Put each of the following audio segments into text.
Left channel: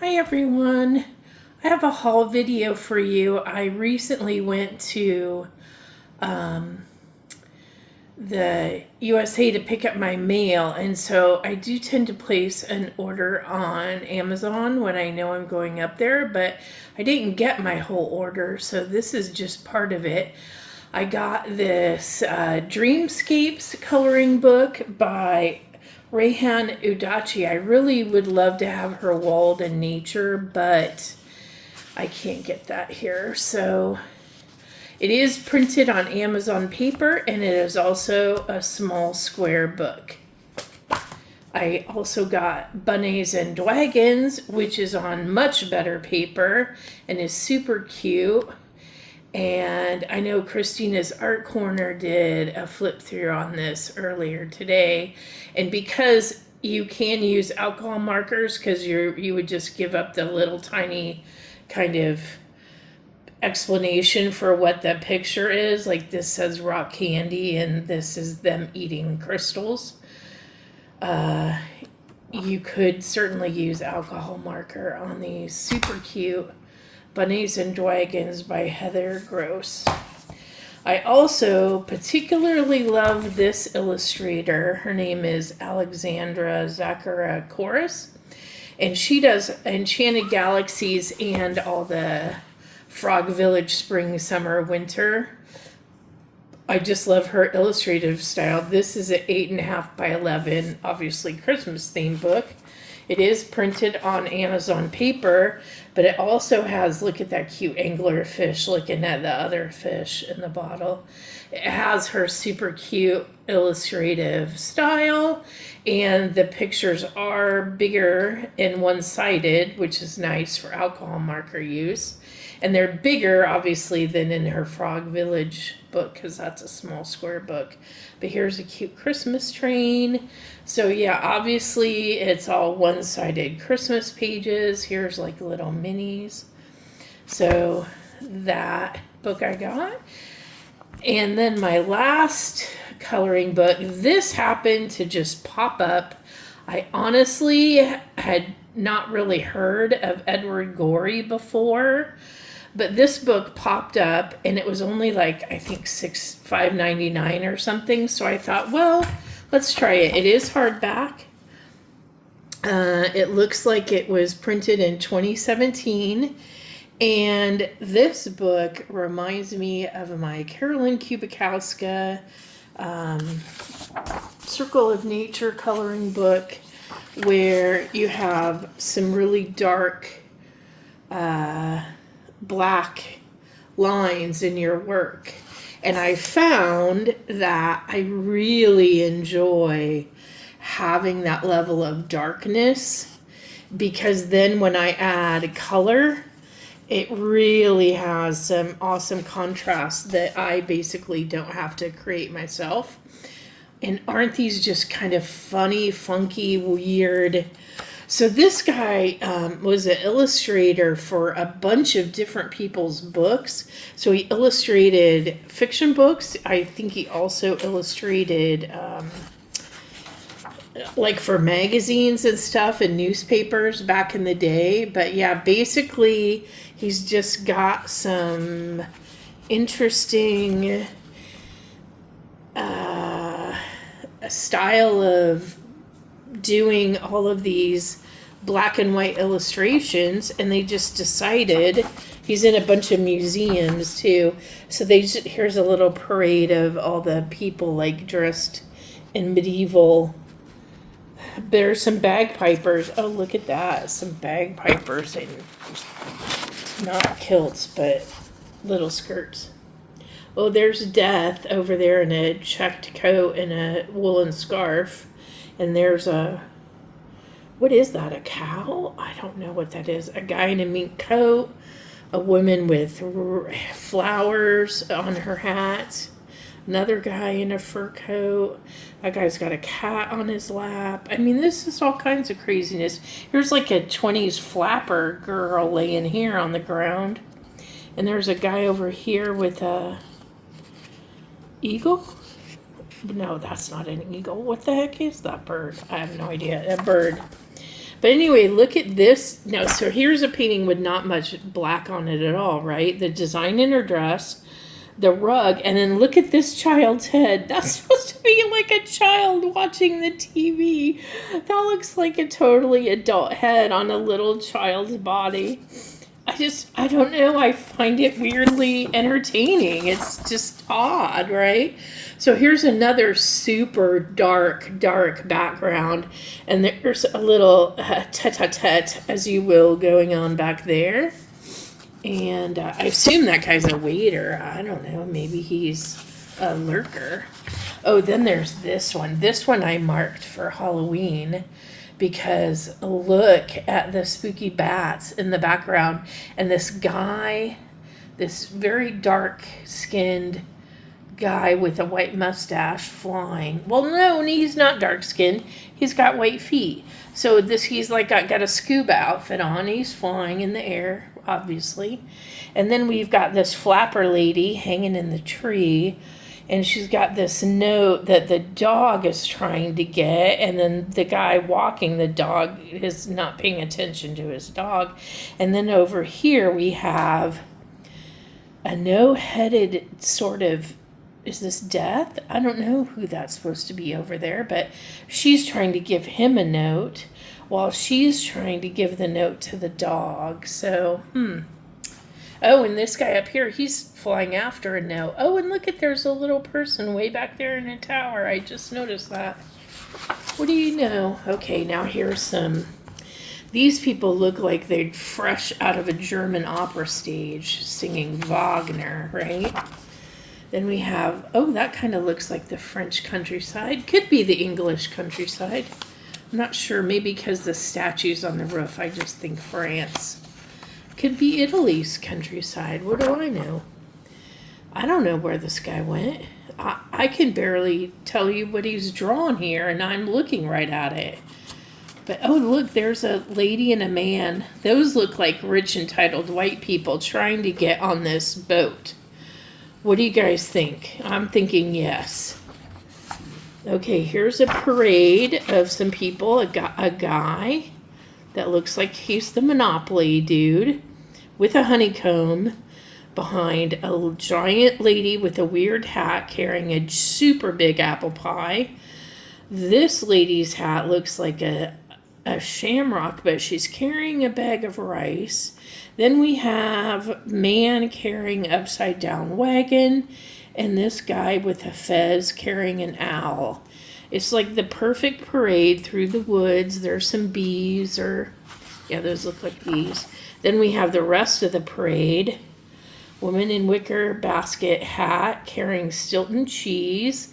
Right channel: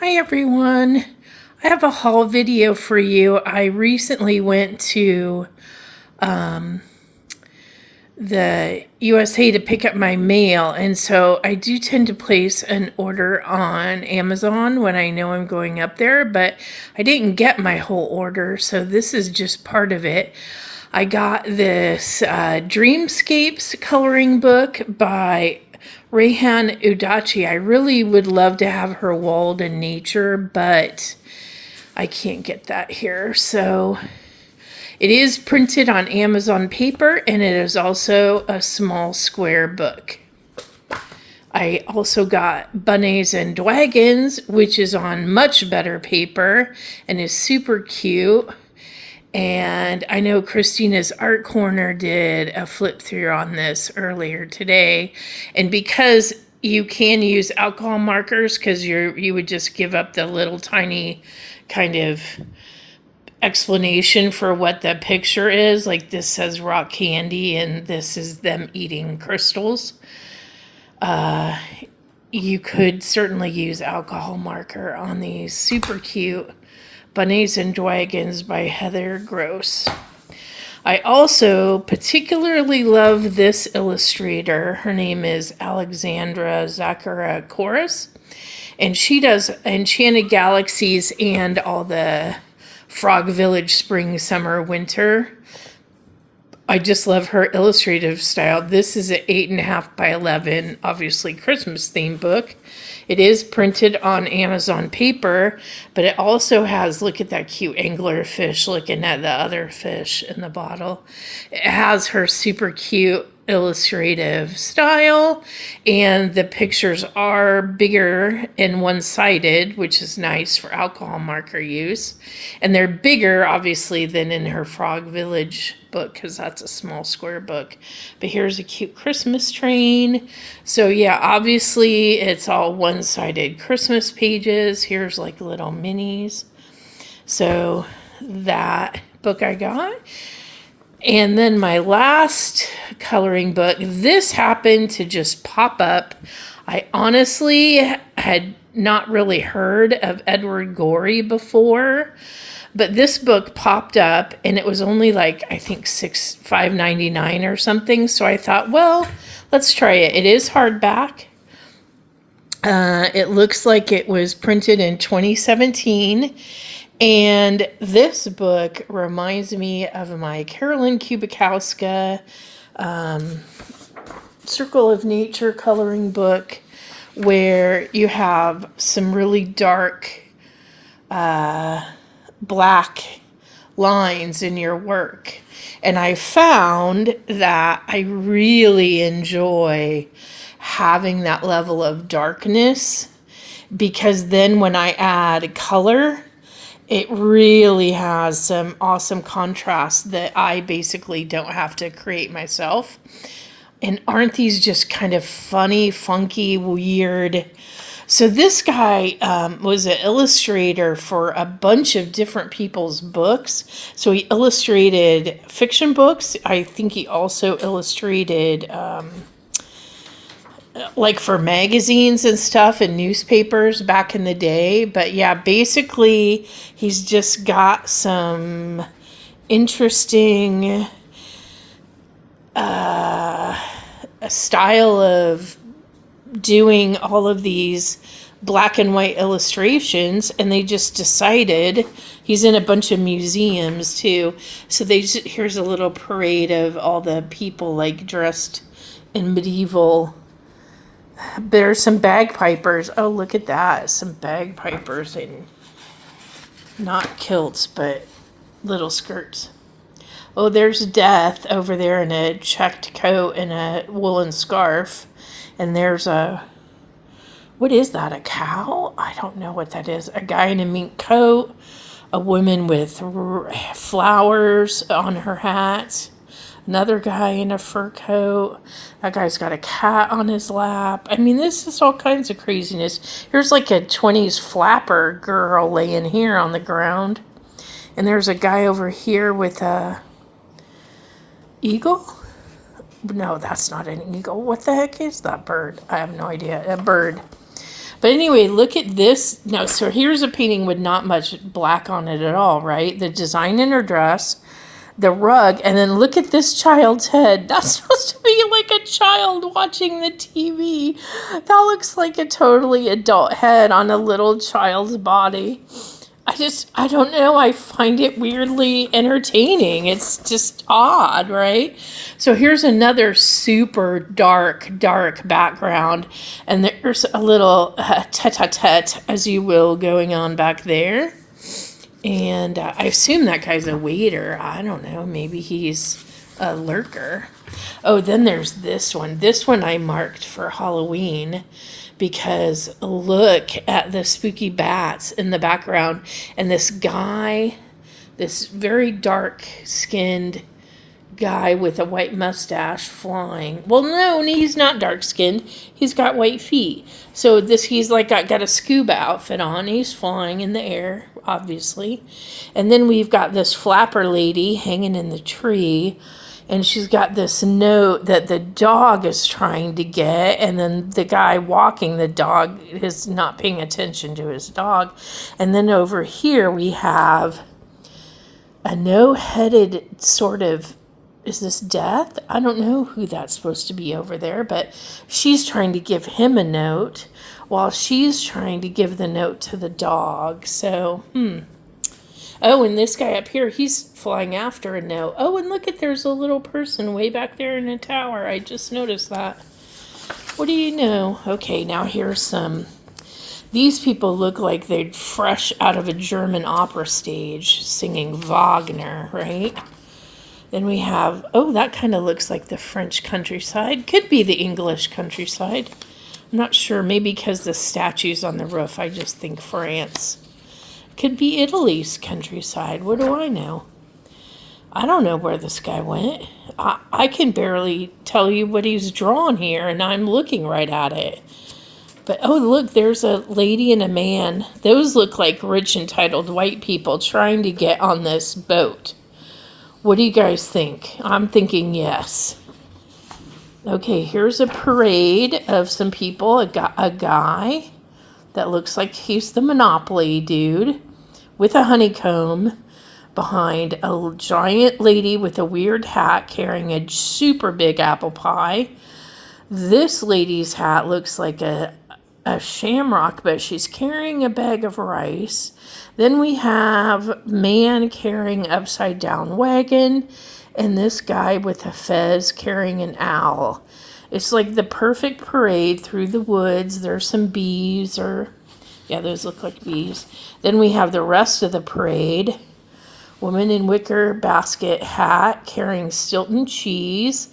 Hi everyone. I have a haul video for you. I recently went to the USA to pick up my mail, and so I do tend to place an order on Amazon when I know I'm going up there, but I didn't get my whole order, so this is just part of it. I got this Dreamscapes coloring book by Rehan Udachi. I really would love to have her walled in nature, but I can't get that here. So it is printed on Amazon paper, and it is also a small square book. I also got Bunnies and Dragons, which is on much better paper and is super cute. And I know Christina's Art Corner did a flip through on this earlier today. And because you can use alcohol markers, because you would just give up the little tiny kind of explanation for what the picture is. Like this says rock candy and this is them eating crystals. You could certainly use alcohol marker on these. Super cute Bunnies and Dragons by Heather Gross. I also particularly love this illustrator. Her name is Alexandra Zakharakouras, and she does Enchanted Galaxies and all the Frog Village spring, summer, winter. I just love her illustrative style. This is an 8.5 by 11, obviously Christmas themed book. It is printed on Amazon paper, but it also has, look at that cute angler fish looking at the other fish in the bottle. It has her super cute illustrative style, and the pictures are bigger and one-sided, which is nice for alcohol marker use. And they're bigger, obviously, than in her Frog Village book, because that's a small square book. But here's a cute Christmas train. So yeah, obviously it's all one-sided Christmas pages. Here's like little minis. So that book I got. And then my last coloring book, this happened to just pop up. I honestly had not really heard of Edward Gorey before, but this book popped up and it was only like, I think $5.99 or something. So I thought, well, let's try it. It is hardback. It looks like it was printed in 2017. And this book reminds me of my Carolyn Kubikowska Circle of Nature coloring book, where you have some really dark black lines in your work. And I found that I really enjoy having that level of darkness, because then when I add color, it really has some awesome contrast that I basically don't have to create myself. And aren't these just kind of funny, funky, weird? So this guy was an illustrator for a bunch of different people's books. So he illustrated fiction books. I think he also illustrated like for magazines and stuff and newspapers back in the day. But yeah, basically he's just got some interesting style of doing all of these black and white illustrations, and they just decided, he's in a bunch of museums too, so here's a little parade of all the people like dressed in medieval. There's some bagpipers. Oh, look at that. Some bagpipers in not kilts, but little skirts. Oh, there's Death over there in a checked coat and a woolen scarf. And there's what is that, a cow? I don't know what that is. A guy in a mink coat. A woman with flowers on her hat. Another guy in a fur coat. That guy's got a cat on his lap. I mean, this is all kinds of craziness. Here's like a 20s flapper girl laying here on the ground. And there's a guy over here with a eagle? No, that's not an eagle. What the heck is that bird? I have no idea. A bird. But anyway, look at this. Now, so here's a painting with not much black on it at all, right? The design in her dress, the rug, and then look at this child's head. That's supposed to be like a child watching the TV. That looks like a totally adult head on a little child's body. I don't know. I find it weirdly entertaining. It's just odd, right? So here's another super dark background. And there's a little tete-a-tete, as you will, going on back there. And I assume that guy's a waiter. I don't know. Maybe he's a lurker. Oh, then there's this one. This one I marked for Halloween because look at the spooky bats in the background. And this guy, this very dark-skinned guy with a white mustache flying. Well, no, he's not dark-skinned. He's got white feet. So he's like got a scuba outfit on. He's flying in the air, obviously. And then we've got this flapper lady hanging in the tree. And she's got this note that the dog is trying to get. And then the guy walking the dog is not paying attention to his dog. And then over here we have a no-headed sort of, is this Death? I don't know who that's supposed to be over there, but she's trying to give him a note while she's trying to give the note to the dog. So, Oh, and this guy up here, he's flying after a note. Oh, and look there's a little person way back there in a tower. I just noticed that. What do you know? Okay, now here's some. These people look like they're fresh out of a German opera stage singing Wagner, right? Then we have, oh, that kind of looks like the French countryside. Could be the English countryside. I'm not sure. Maybe because the statue's on the roof, I just think France. Could be Italy's countryside. What do I know? I don't know where this guy went. I can barely tell you what he's drawn here, and I'm looking right at it. But, oh, look, there's a lady and a man. Those look like rich, entitled white people trying to get on this boat. What do you guys think? I'm thinking yes. Okay, here's a parade of some people. A guy that looks like he's the Monopoly dude with a honeycomb behind a giant lady with a weird hat carrying a super big apple pie. This lady's hat looks like a shamrock, but she's carrying a bag of rice. Then we have man carrying upside down wagon, and this guy with a fez carrying an owl. It's like the perfect parade through the woods. There's some bees, yeah, those look like bees. Then we have the rest of the parade. Woman in wicker basket hat carrying Stilton cheese.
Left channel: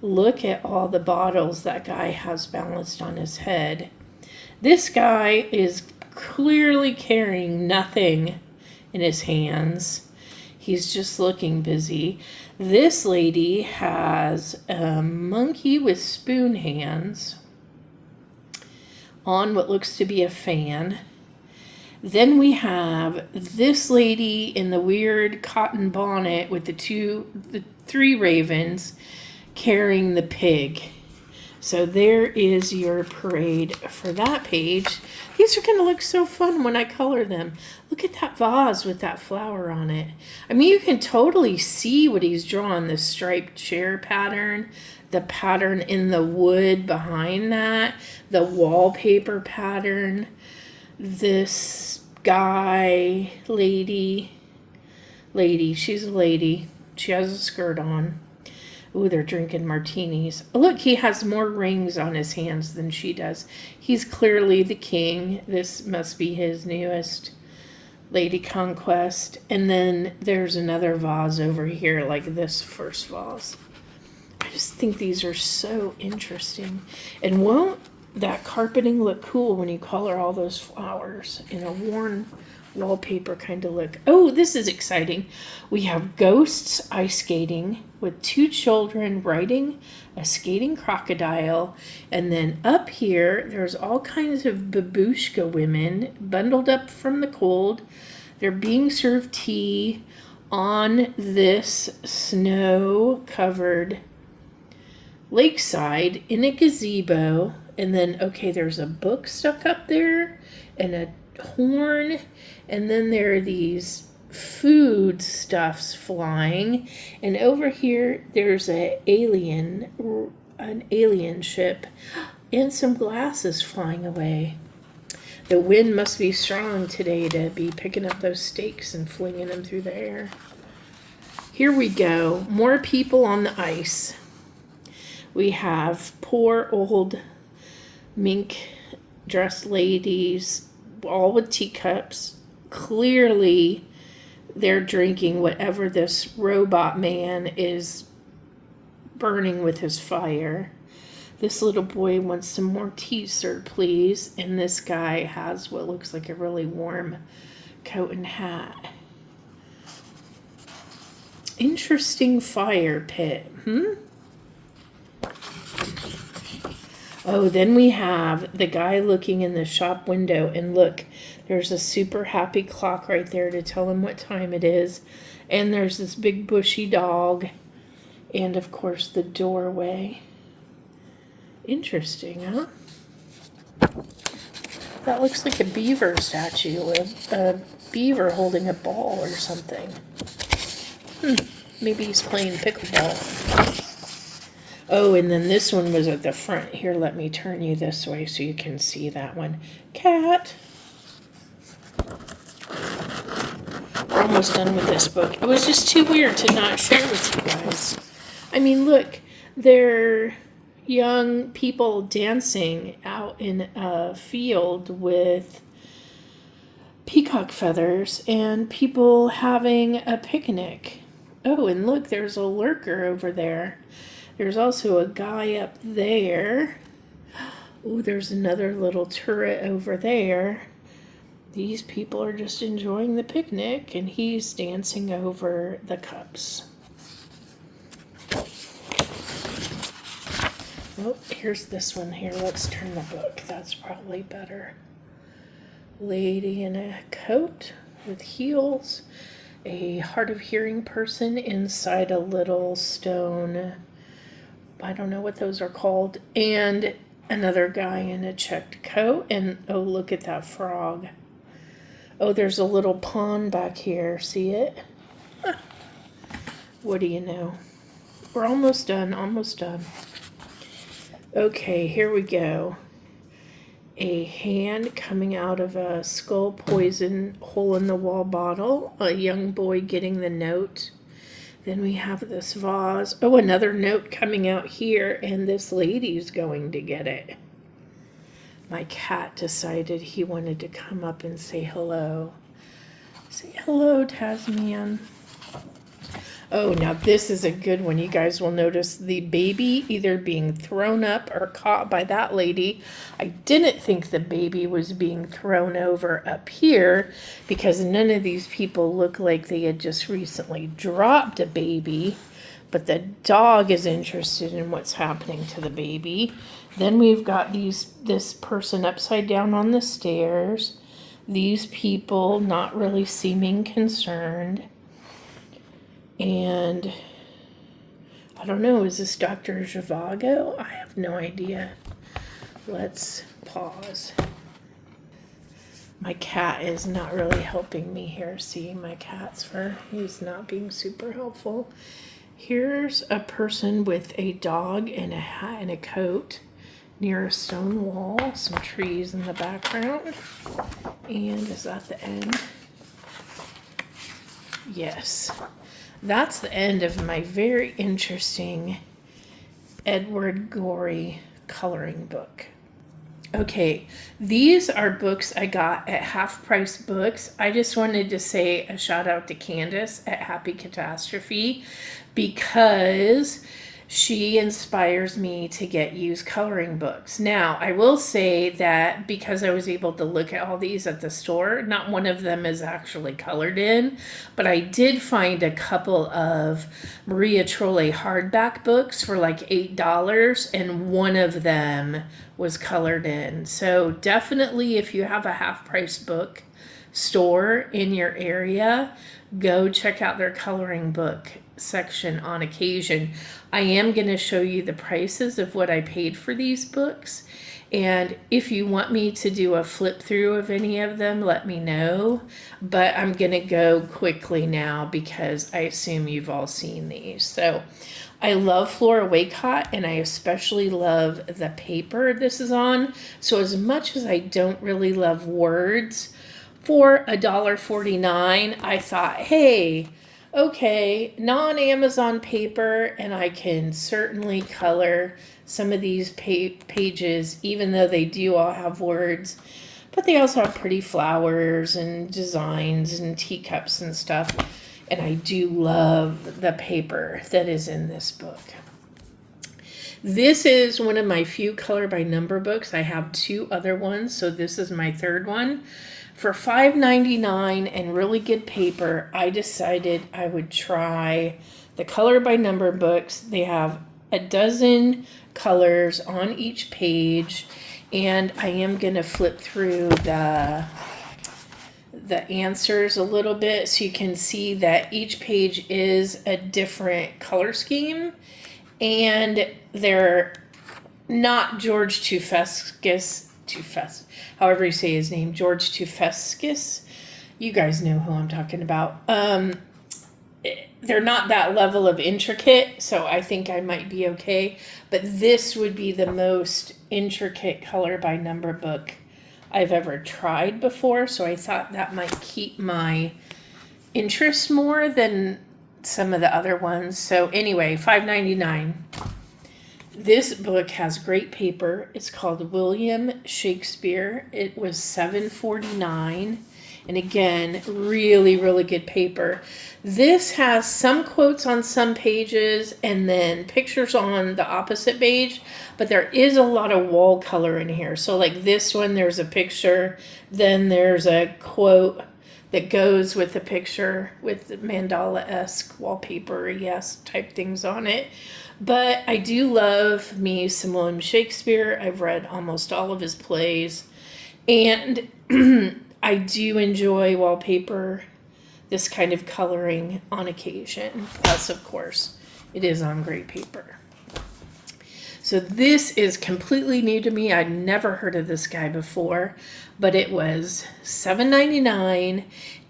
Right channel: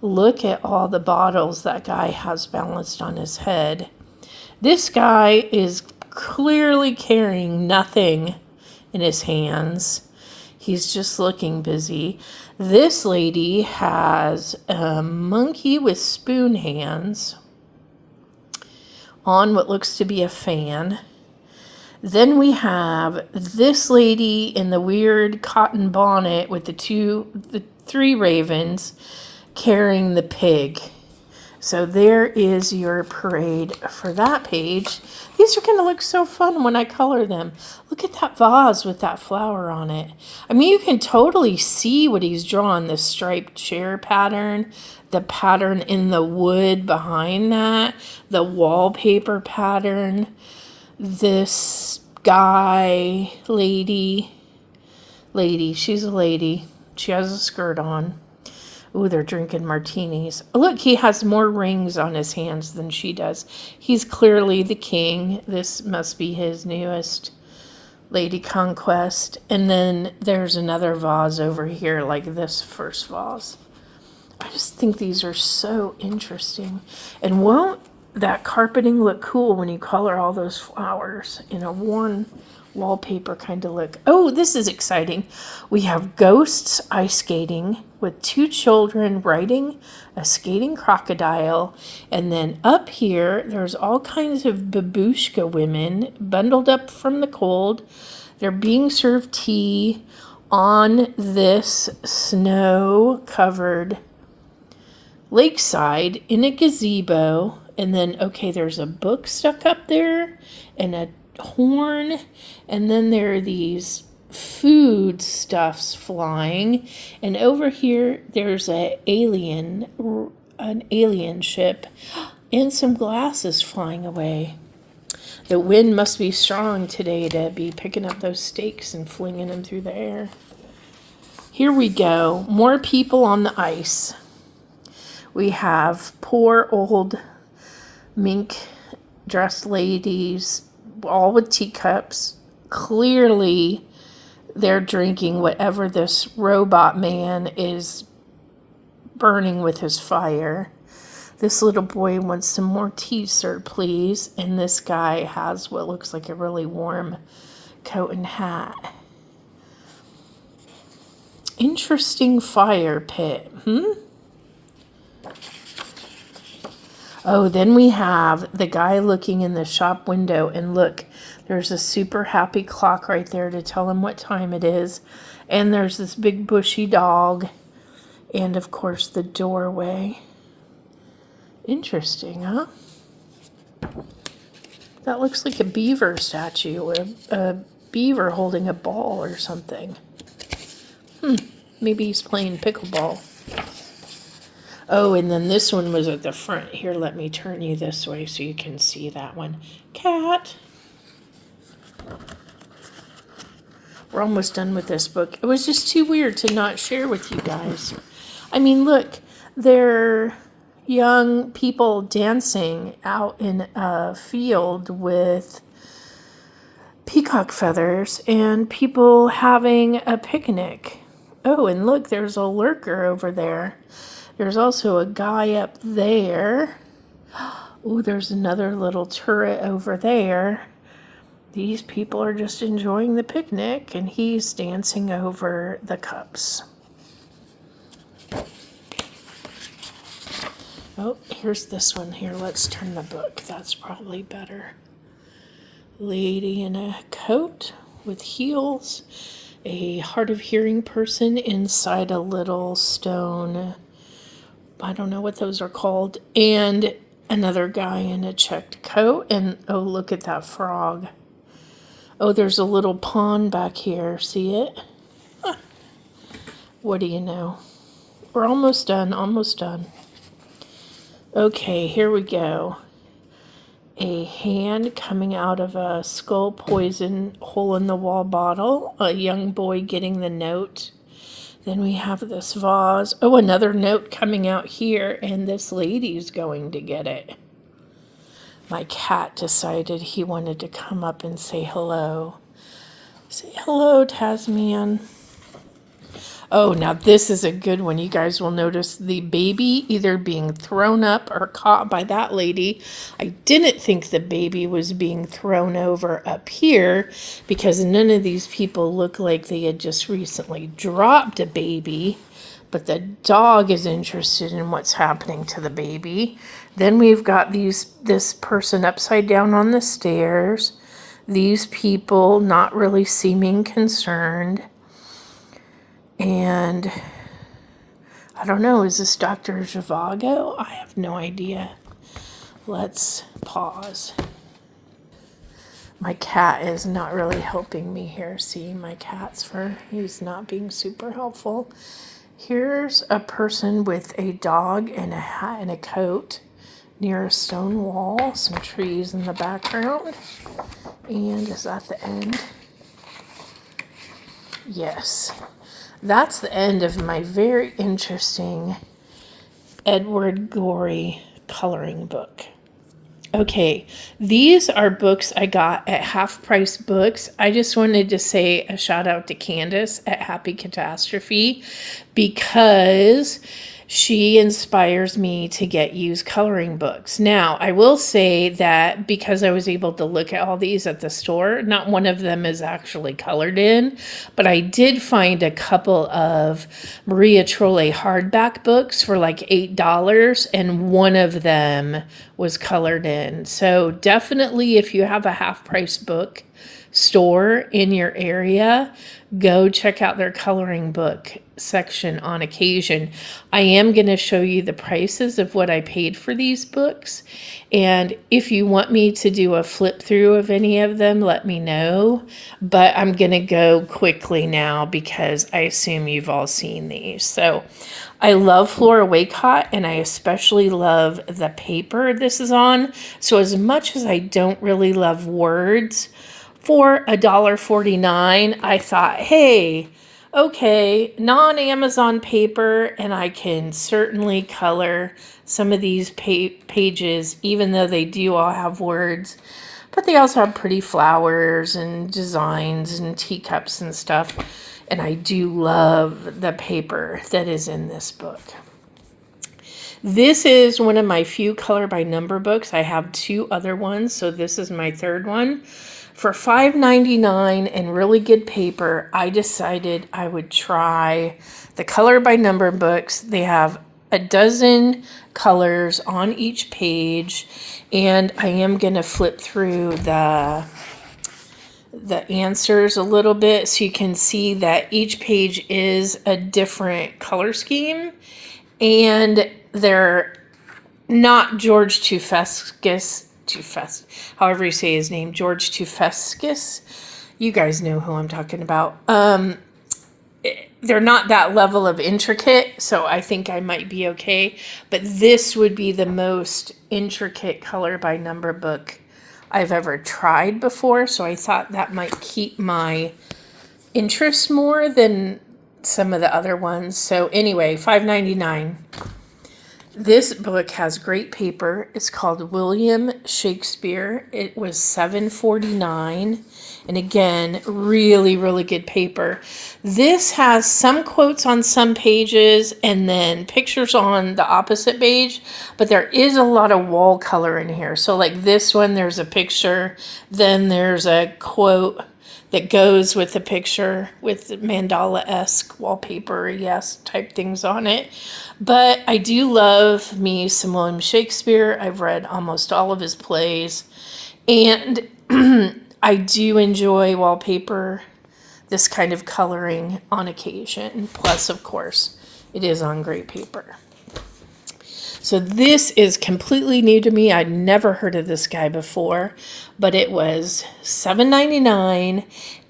Look at all the bottles that guy has balanced on his head. This guy is clearly carrying nothing in his hands. He's just looking busy. This lady has a monkey with spoon hands on what looks to be a fan. Then we have this lady in the weird cotton bonnet with the three ravens carrying the pig. So there is your parade for that page. These are going to look so fun when I color them. Look at that vase with that flower on it. I mean, you can totally see what he's drawn. The striped chair pattern, the pattern in the wood behind that, the wallpaper pattern, this guy, lady, she's a lady. She has a skirt on. Ooh, they're drinking martinis. Look, he has more rings on his hands than she does. He's clearly the king. This must be his newest lady conquest. And then there's another vase over here like this first vase. I just think these are so interesting. And won't that carpeting look cool when you color all those flowers in a worn wallpaper kind of look? Oh, this is exciting. We have ghosts ice skating with two children riding a skating crocodile. And then up here, there's all kinds of babushka women bundled up from the cold. They're being served tea on this snow-covered lakeside in a gazebo. And then, okay, there's a book stuck up there and a horn. And then there are these food stuffs flying. And over here, there's an alien ship and some glasses flying away. The wind must be strong today to be picking up those steaks and flinging them through the air. Here we go. More people on the ice. We have poor old mink dressed ladies, all with teacups. Clearly, they're drinking whatever this robot man is burning with his fire. This little boy wants some more tea, sir, please. And this guy has what looks like a really warm coat and hat. Interesting fire pit, Oh, then we have the guy looking in the shop window, and look, there's a super happy clock right there to tell him what time it is. And there's this big bushy dog, and of course the doorway. Interesting, huh? That looks like a beaver statue, a beaver holding a ball or something. Maybe he's playing pickleball. Oh, and then this one was at the front. Here, let me turn you this way so you can see that one. Cat. We're almost done with this book. It was just too weird to not share with you guys. I mean, look, they're young people dancing out in a field with peacock feathers and people having a picnic. Oh, and look, there's a lurker over there. There's also a guy up there. Oh, there's another little turret over there. These people are just enjoying the picnic, and he's dancing over the cups. Oh, here's this one here. Let's turn the book. That's probably better. Lady in a coat with heels. A hard of hearing person inside a little stone, I don't know what those are called, and another guy in a checked coat, and oh, look at that frog. Oh, there's a little pond back here. See it? Huh. What do you know? We're almost done, almost done. Okay, here we go. A hand coming out of a skull poison hole in the wall bottle. A young boy getting the note. Then we have this vase. Oh, another note coming out here, and this lady's going to get it. My cat decided he wanted to come up and say hello. Say hello, Tasman. Oh, now this is a good one. You guys will notice the baby either being thrown up or caught by that lady. I didn't think the baby was being thrown over up here because none of these people look like they had just recently dropped a baby. But the dog is interested in what's happening to the baby. Then we've got this person upside down on the stairs. These people not really seeming concerned. And I don't know, is this Dr. Zhivago? I have no idea. Let's pause. My cat is not really helping me here. See, my cat's fur, he's not being super helpful. Here's a person with a dog and a hat and a coat near a stone wall, some trees in the background. And is that the end? Yes. That's the end of my very interesting Edward Gorey coloring book. Okay, these are books I got at Half Price Books. I just wanted to say a shout out to Candace at Happy Catastrophe because she inspires me to get used coloring books. Now, I will say that because I was able to look at all these at the store, not one of them is actually colored in, but I did find a couple of Maria Trolle hardback books for like $8, and one of them was colored in. So definitely, if you have a half-price book store in your area, go check out their coloring book section on occasion. I am going to show you the prices of what I paid for these books. And if you want me to do a flip through of any of them, let me know. But I'm going to go quickly now because I assume you've all seen these. So I love Flora Waycott, and I especially love the paper this is on. So as much as I don't really love words, for $1.49, I thought, hey, okay, non-Amazon paper, and I can certainly color some of these pages, even though they do all have words. But they also have pretty flowers and designs and teacups and stuff. And I do love the paper that is in this book. This is one of my few color by number books. I have 2 other ones, so this is my 3rd one. For $5.99 and really good paper, I decided I would try the color by number books. They have a dozen colors on each page, and I am going to flip through the answers a little bit so you can see that each page is a different color scheme, and they're not George however you say his name, George Tufeskis. You guys know who I'm talking about. They're not that level of intricate, so I think I might be okay. But this would be the most intricate color by number book I've ever tried before, so I thought that might keep my interest more than some of the other ones. So anyway, $5.99. This book has great paper. It's called William Shakespeare. It was $7.49. And again, really, really good paper. This has some quotes on some pages and then pictures on the opposite page, but there is a lot of wall color in here. So like this one, there's a picture, then there's a quote that goes with the picture with mandala-esque wallpaper, yes, type things on it. But I do love me some William Shakespeare. I've read almost all of his plays. And I do enjoy wallpaper, this kind of coloring on occasion. Plus, of course, it is on great paper. So this is completely new to me. I'd never heard of this guy before, but it was $7.99,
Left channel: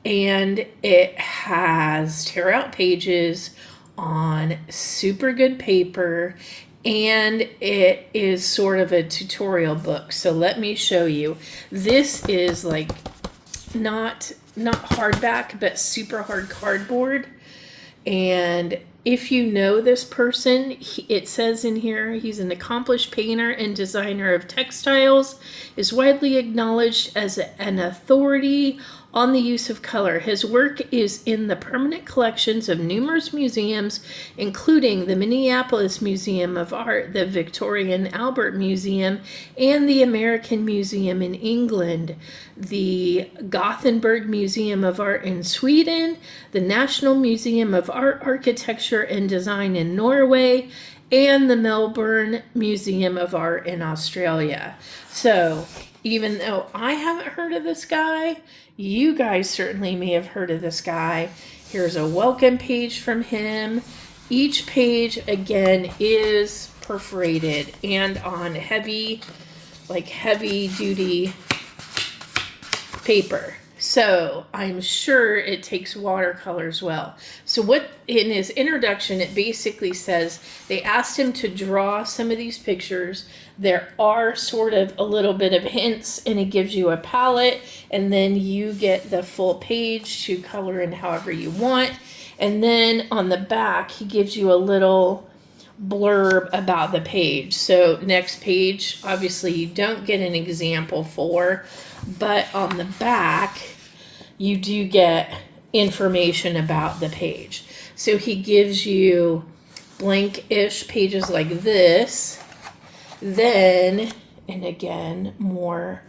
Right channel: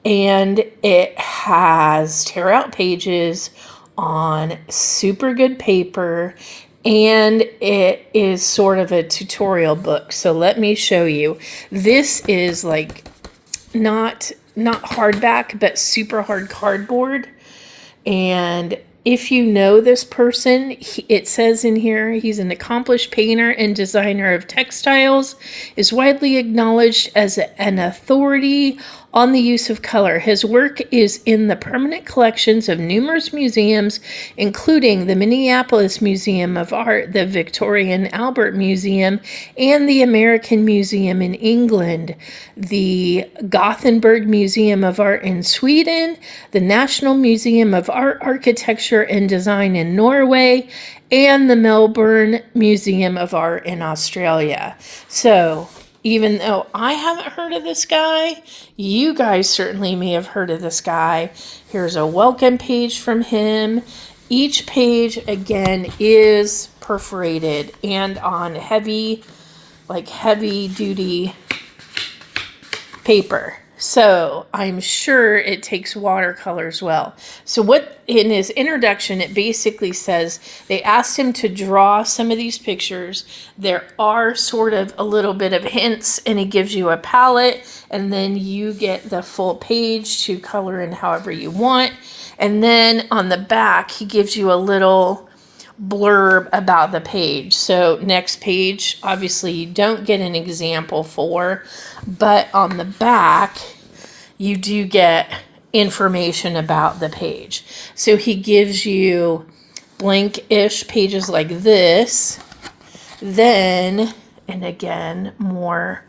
and it has tear out pages on super good paper, and it is sort of a tutorial book. So let me show you. This is like not hardback, but super hard cardboard. And if you know this person, it says in here, he's an accomplished painter and designer of textiles, is widely acknowledged as an authority on the use of color. His work is in the permanent collections of numerous museums, including the Minneapolis Museum of Art, the Victoria and Albert Museum, and the American Museum in England, the Gothenburg Museum of Art in Sweden, the National Museum of Art, Architecture and Design in Norway, and the Melbourne Museum of Art in Australia. So even though I haven't heard of this guy, you guys certainly may have heard of this guy. Here's a welcome page from him. Each page, again, is perforated and on heavy duty paper. So I'm sure it takes watercolor as well. So what in his introduction, it basically says they asked him to draw some of these pictures. There are sort of a little bit of hints, and it gives you a palette, and then you get the full page to color in however you want. And then on the back, he gives you a little blurb about the page. So next page, obviously you don't get an example for, but on the back, you do get information about the page. So he gives you blank-ish pages like this, then, and again, more.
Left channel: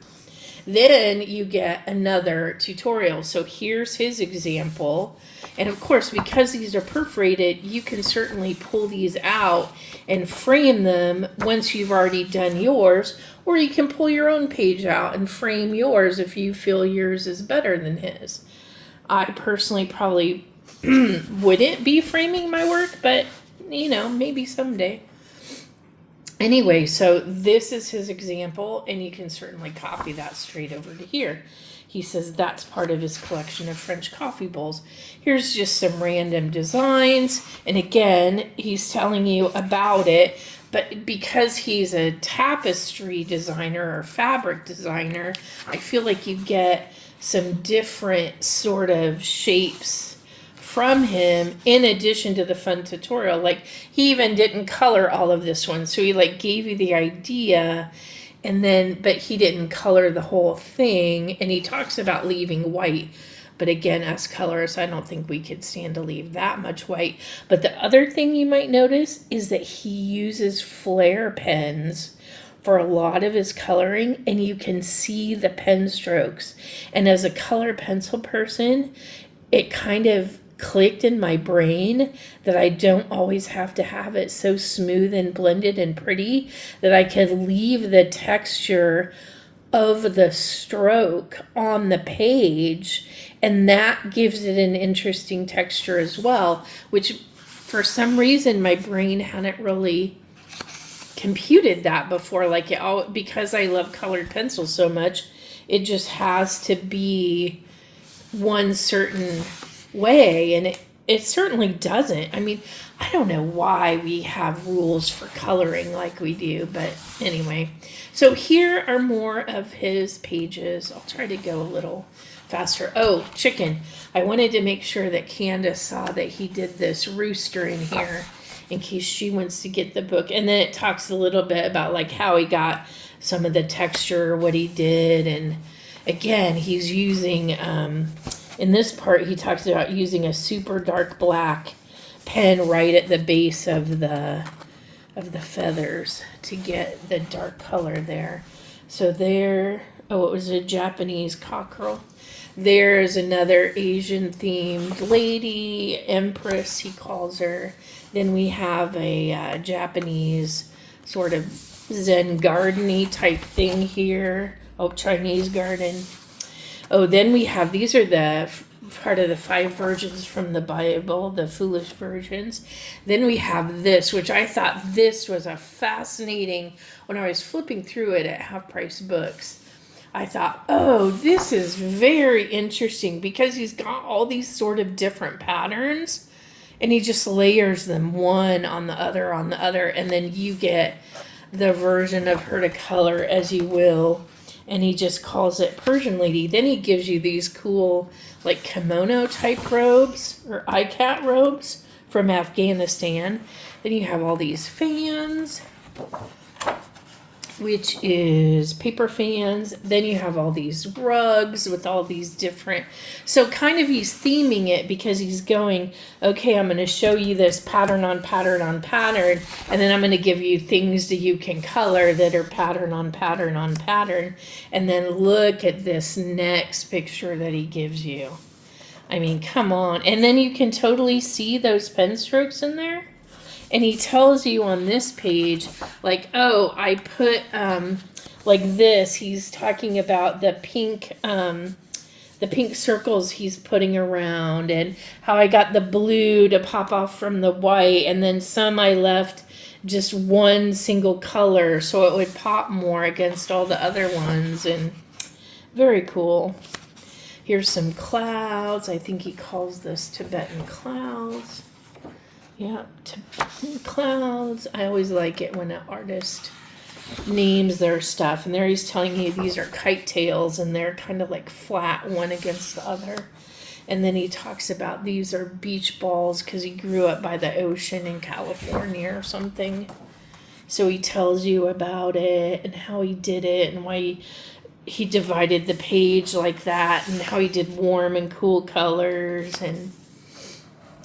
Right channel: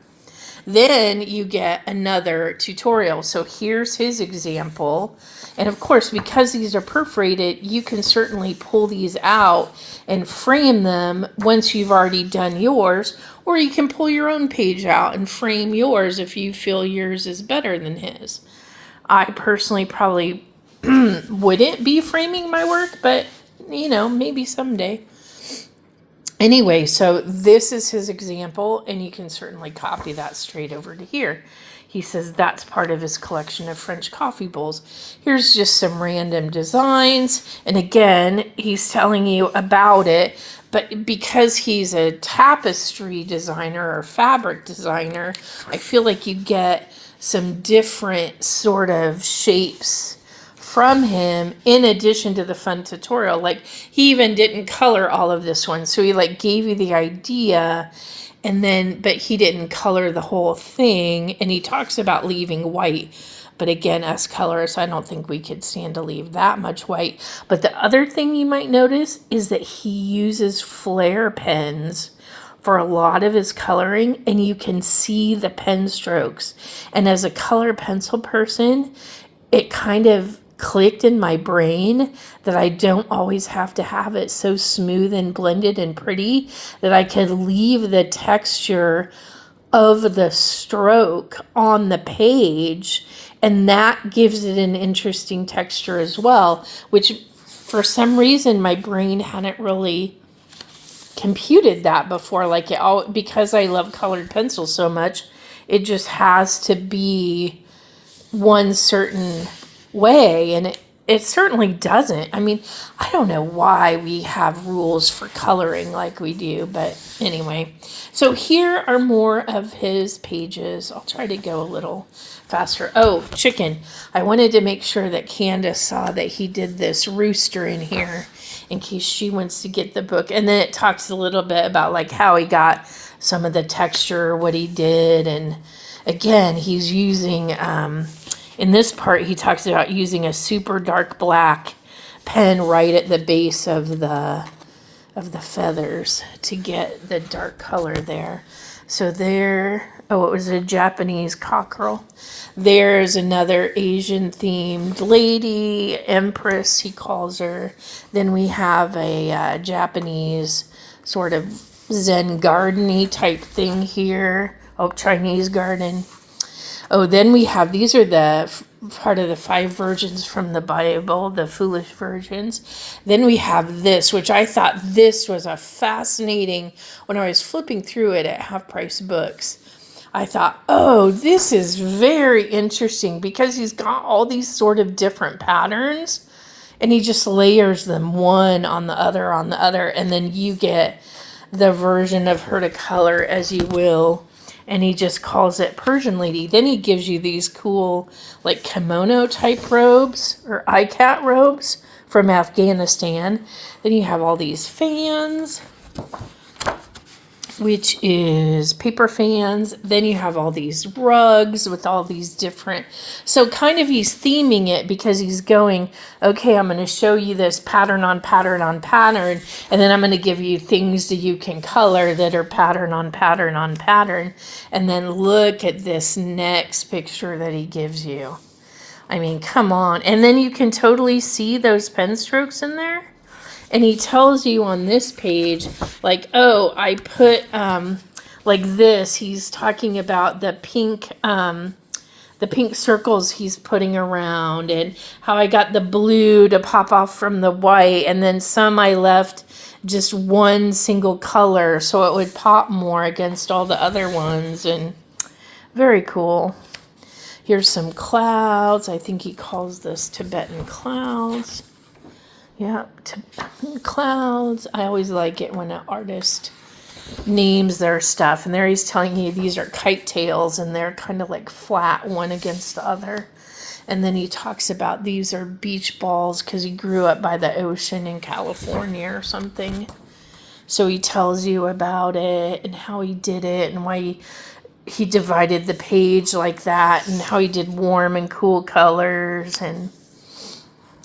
Then you get another tutorial. So here's his example. And of course, because these are perforated, you can certainly pull these out and frame them once you've already done yours, or you can pull your own page out and frame yours if you feel yours is better than his. I personally probably wouldn't be framing my work, but maybe someday. Anyway, so this is his example, and you can certainly copy that straight over to here. He says that's part of his collection of French coffee bowls. Here's just some random designs. And again, he's telling you about it. But because he's a tapestry designer or fabric designer, I feel like you get some different sort of shapes from him in addition to the fun tutorial. Like, he even didn't color all of this one. So he gave you the idea, and then, but he didn't color the whole thing. And he talks about leaving white. But again, us colorists, I don't think we could stand to leave that much white. But the other thing you might notice is that he uses flare pens for a lot of his coloring, and you can see the pen strokes. And as a color pencil person, it kind of clicked in my brain that I don't always have to have it so smooth and blended and pretty, that I could leave the texture of the stroke on the page, and that gives it an interesting texture as well, which for some reason my brain hadn't really computed that before. Because I love colored pencils so much, it just has to be one certain way, and it certainly doesn't. I mean, I don't know why we have rules for coloring like we do, but anyway. So here are more of his pages. I'll try to go a little faster. Oh, chicken. I wanted to make sure that Candace saw that he did this rooster in here in case she wants to get the book. And then it talks a little bit about how he got some of the texture, what he did. And again, he's using, in this part, he talks about using a super dark black pen right at the base of the feathers to get the dark color there. So there, it was a Japanese cockerel. There's another Asian themed lady, Empress, he calls her. Then we have a Japanese sort of Zen garden-y type thing here. Oh, Chinese garden. Oh, then we have, these are the part of the 5 virgins from the Bible, the foolish virgins. Then we have this, which I thought this was a fascinating, when I was flipping through it at Half Price Books, I thought, oh, this is very interesting, because he's got all these sort of different patterns, and he just layers them one on the other, and then you get the version of her to color as you will. And he just calls it Persian Lady. Then he gives you these cool, kimono type robes or ikat robes from Afghanistan. Then you have all these fans, which is paper fans. Then you have all these rugs with all these different, so kind of he's theming it, because he's going, okay, I'm going to show you this pattern on pattern on pattern, and then I'm going to give you things that you can color that are pattern on pattern on pattern, and then look at this next picture that he gives you. I mean, come on. And then you can totally see those pen strokes in there. And he tells you on this page, oh, I put, this. He's talking about the pink circles he's putting around, and how I got the blue to pop off from the white. And then some I left just one single color so it would pop more against all the other ones. And very cool. Here's some clouds. I think he calls this Tibetan clouds. Yeah, clouds. I always like it when an artist names their stuff. And there he's telling you these are kite tails, and they're kind of flat one against the other. And then he talks about these are beach balls because he grew up by the ocean in California or something. So he tells you about it and how he did it and why he divided the page like that, and how he did warm and cool colors. And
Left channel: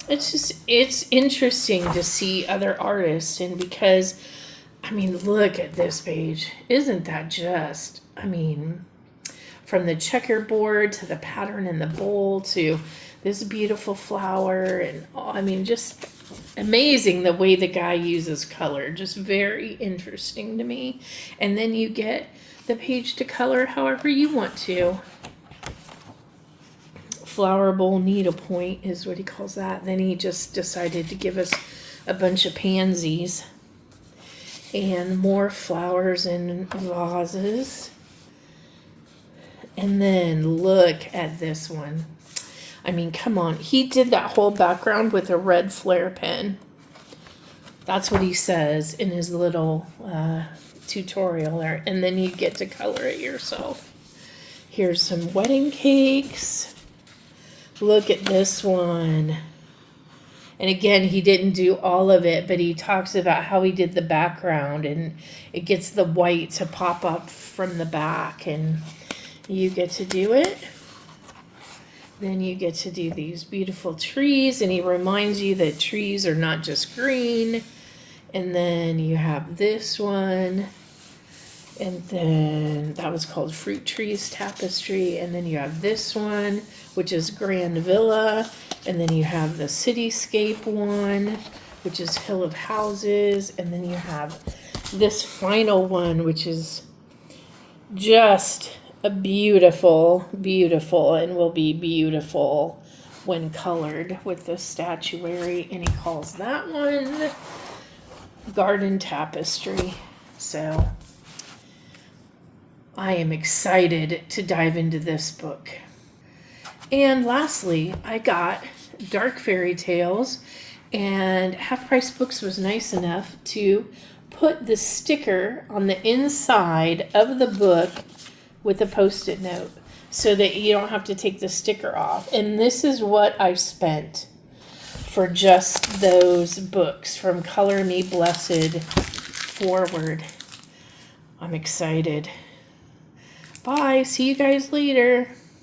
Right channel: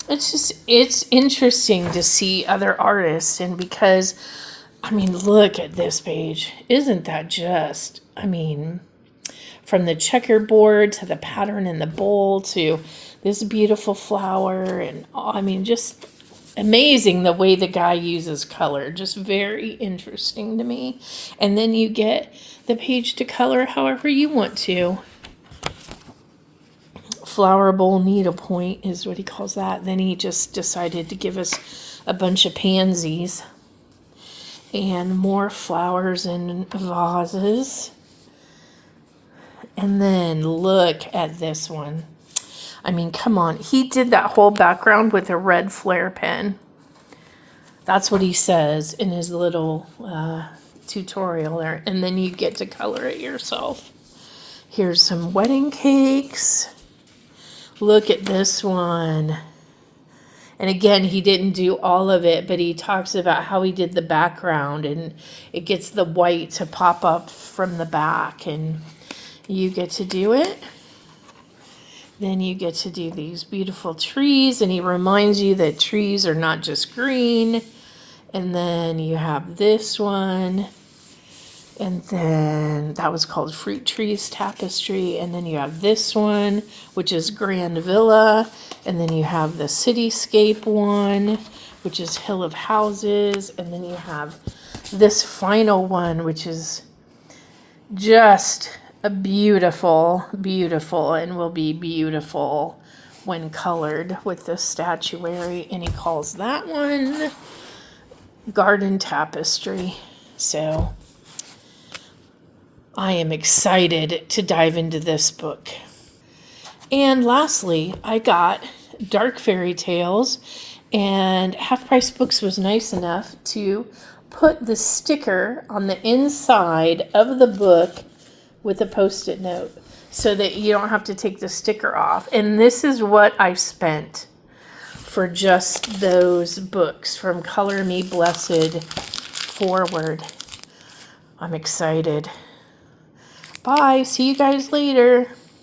it's interesting to see other artists, and because, I mean, look at this page. Isn't that just, I mean, from the checkerboard to the pattern in the bowl to this beautiful flower. And I mean, just amazing the way the guy uses color. Just very interesting to me. And then you get the page to color however you want to. Flower bowl needlepoint is what he calls that. Then he just decided to give us a bunch of pansies and more flowers in vases. And then look at this one. I mean, come on. He did that whole background with a red flare pen. That's what he says in his little tutorial there. And then you get to color it yourself. Here's some wedding cakes. Look at this one. And again, he didn't do all of it, but he talks about how he did the background, and it gets the white to pop up from the back, and you get to do it. Then you get to do these beautiful trees, and he reminds you that trees are not just green. And then you have this one. And then that was called Fruit Trees Tapestry. And then you have this one, which is Grand Villa. And then you have the Cityscape one, which is Hill of Houses. And then you have this final one, which is just a beautiful, beautiful, and will be beautiful when colored with the statuary. And he calls that one Garden Tapestry. So I am excited to dive into this book. And lastly, I got Dark Fairy Tales, and Half Price Books was nice enough to put the sticker on the inside of the book with a Post-it note so that you don't have to take the sticker off. And this is what I spent for just those books from Color Me Blessed forward. I'm excited. Bye. See you guys later.